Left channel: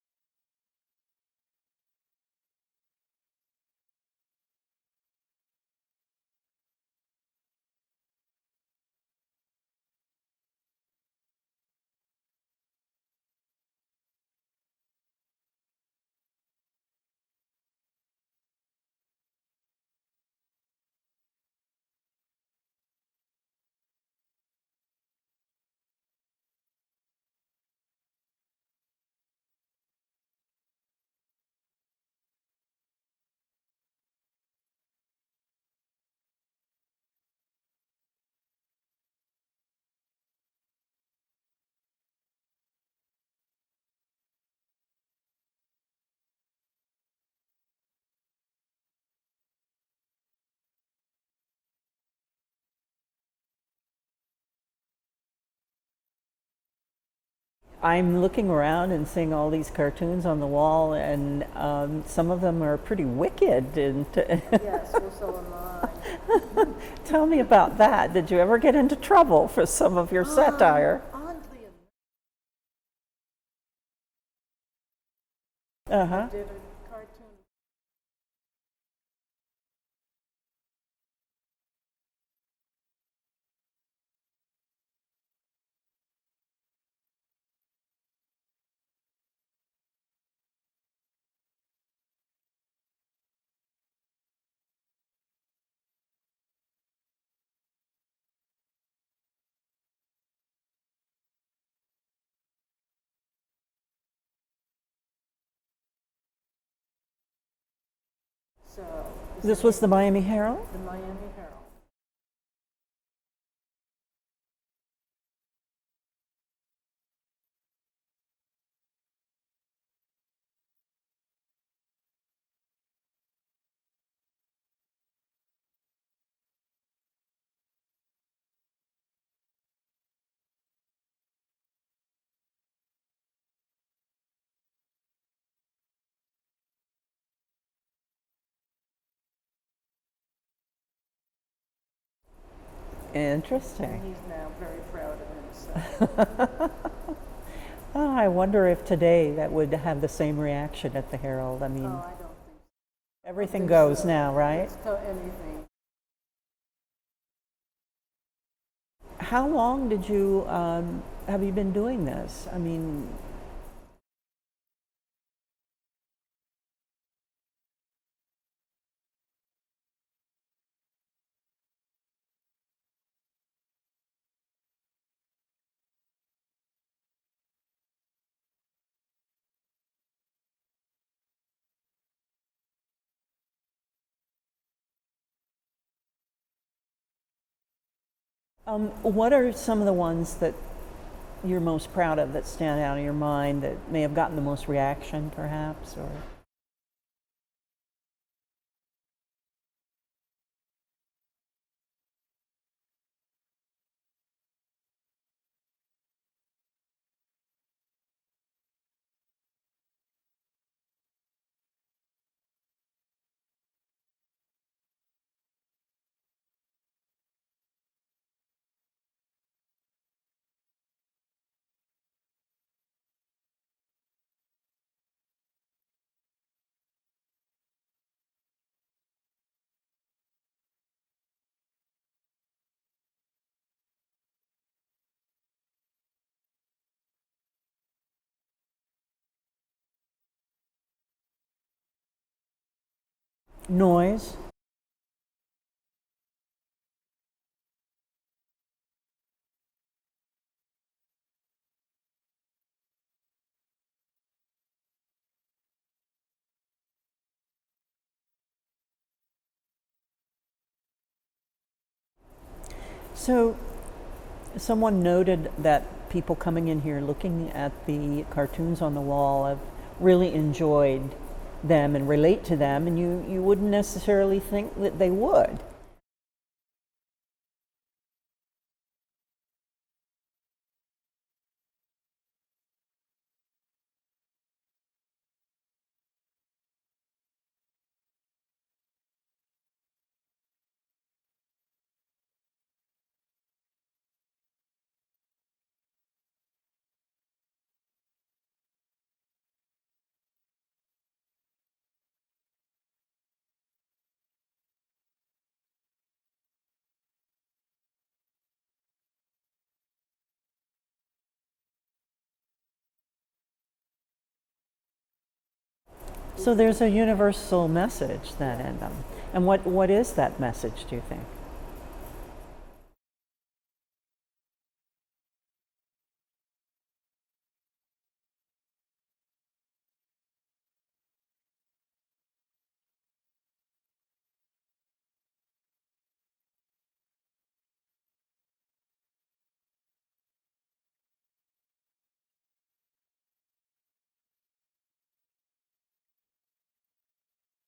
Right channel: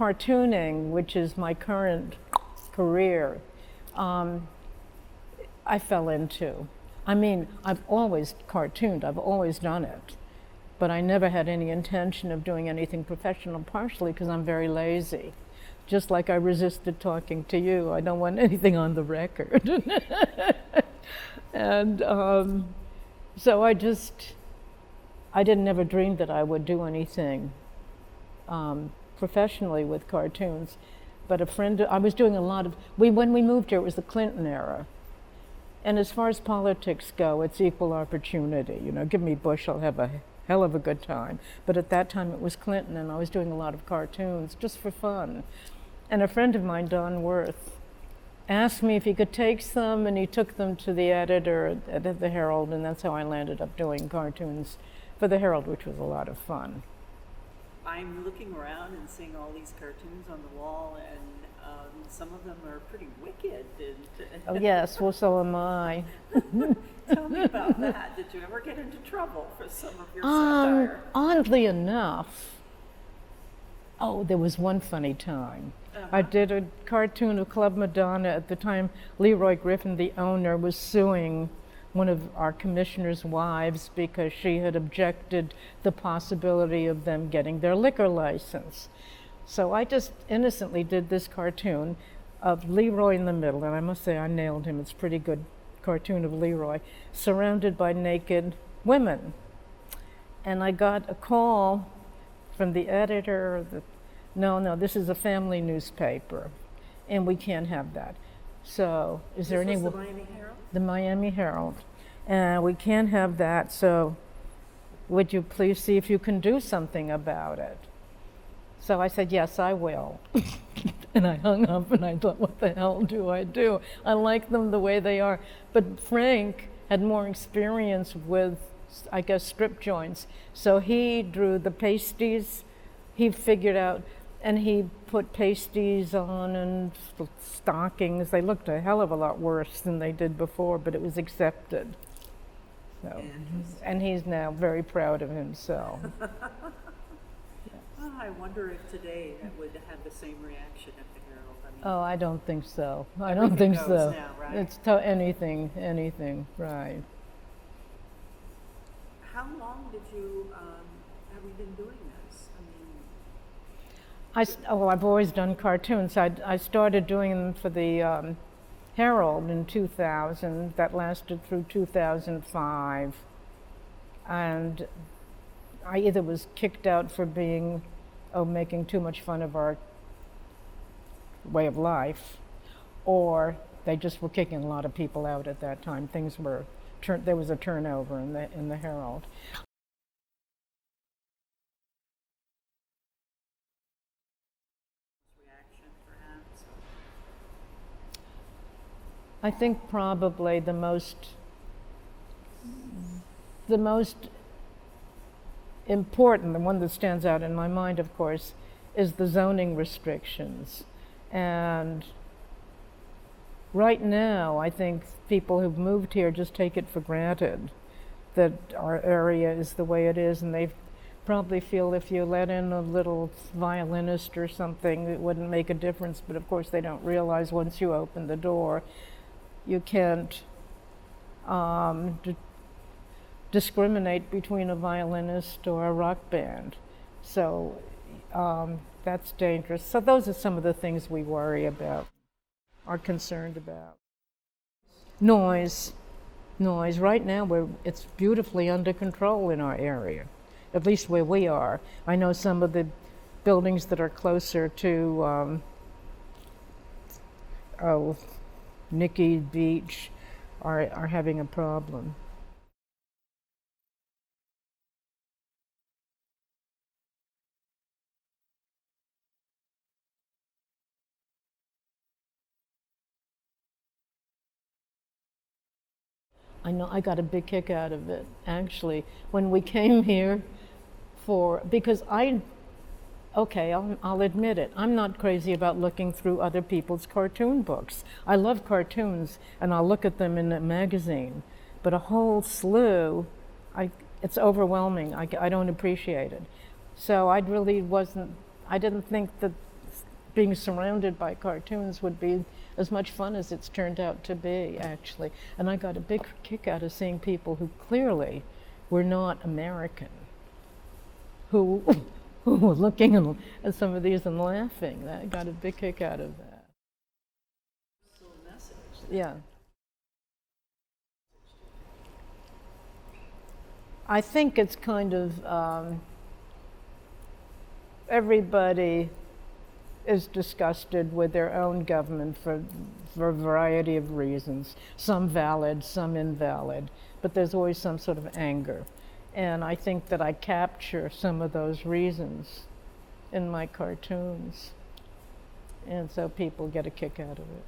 cartooning, which is my current career, I fell into. I mean, I've always cartooned, I've always done it, but I never had any intention of doing anything professional, partially because I'm very lazy. Just like I resisted talking to you, I don't want anything on the record. And so I didn't ever dream that I would do anything professionally with cartoons. But I was doing a lot of, when we moved here, it was the Clinton era. And as far as politics go, it's equal opportunity. You know, give me Bush, I'll have a hell of a good time. But at that time it was Clinton, and I was doing a lot of cartoons just for fun. And a friend of mine, Don Worth, asked me if he could take some, and he took them to the editor at the Herald, and that's how I landed up doing cartoons for the Herald, which was a lot of fun. I'm looking around and seeing all these cartoons on the wall, and some of them are pretty wicked. And yes, well, so am I. Tell me about that. Did you ever get into trouble for some of your satire? Oddly enough, there was one funny time. I did a cartoon of Club Madonna. At the time, Leroy Griffin, the owner, was suing one of our commissioner's wives because she had objected the possibility of them getting their liquor license. So I just innocently did this cartoon of Leroy in the middle, and I must say I nailed him. It's a pretty good cartoon of Leroy, surrounded by naked women. And I got a call from the editor that, no, this is a family newspaper, and we can't have that. So this was the Miami Herald? The Miami Herald. And we can't have that, so would you please see if you can do something about it? So I said, yes, I will. And I hung up and I thought, what the hell do I do? I like them the way they are. But Frank had more experience with, I guess, strip joints. So he drew the pasties. He figured out, and he put pasties on and stockings. They looked a hell of a lot worse than they did before, but it was accepted. So, interesting. and he's now very proud of himself. I wonder if today that would have the same reaction at the Herald. I mean, I don't think so. I don't think goes so. Now, right? It's anything, right. How long did you have you been doing this? I mean, I've always done cartoons. I started doing them for the Herald in 2000. That lasted through 2005. And I either was kicked out for making too much fun of our way of life, or they just were kicking a lot of people out at that time. There was a turnover in the Herald. What are some of the ones that you're most proud of that stand out in your mind that may have gotten the most reaction, perhaps, or? I think probably the most important, the one that stands out in my mind, of course, is the zoning restrictions. And right now, I think people who've moved here just take it for granted that our area is the way it is, and they probably feel if you let in a little violinist or something, it wouldn't make a difference. But of course, they don't realize once you open the door, you can't discriminate between a violinist or a rock band. So that's dangerous. So those are some of the things we worry about, are concerned about. Noise. Right now, it's beautifully under control in our area, at least where we are. I know some of the buildings that are closer to Nikki Beach are having a problem. So someone noted that people coming in here looking at the cartoons on the wall have really enjoyed them and relate to them, and you wouldn't necessarily think that they would. I know, I got a big kick out of it, actually, when we came here because I'll admit it, I'm not crazy about looking through other people's cartoon books. I love cartoons, and I'll look at them in a magazine, but a whole slew, it's overwhelming. I don't appreciate it. So I didn't think that being surrounded by cartoons would be as much fun as it's turned out to be, actually. And I got a big kick out of seeing people who clearly were not American, who were looking at some of these and laughing. I got a big kick out of it. So there's a universal message then in them. Yeah. And what is that message, do you think? I think it's kind of everybody is disgusted with their own government for a variety of reasons, some valid, some invalid, but there's always some sort of anger. And I think that I capture some of those reasons in my cartoons. And so people get a kick out of it.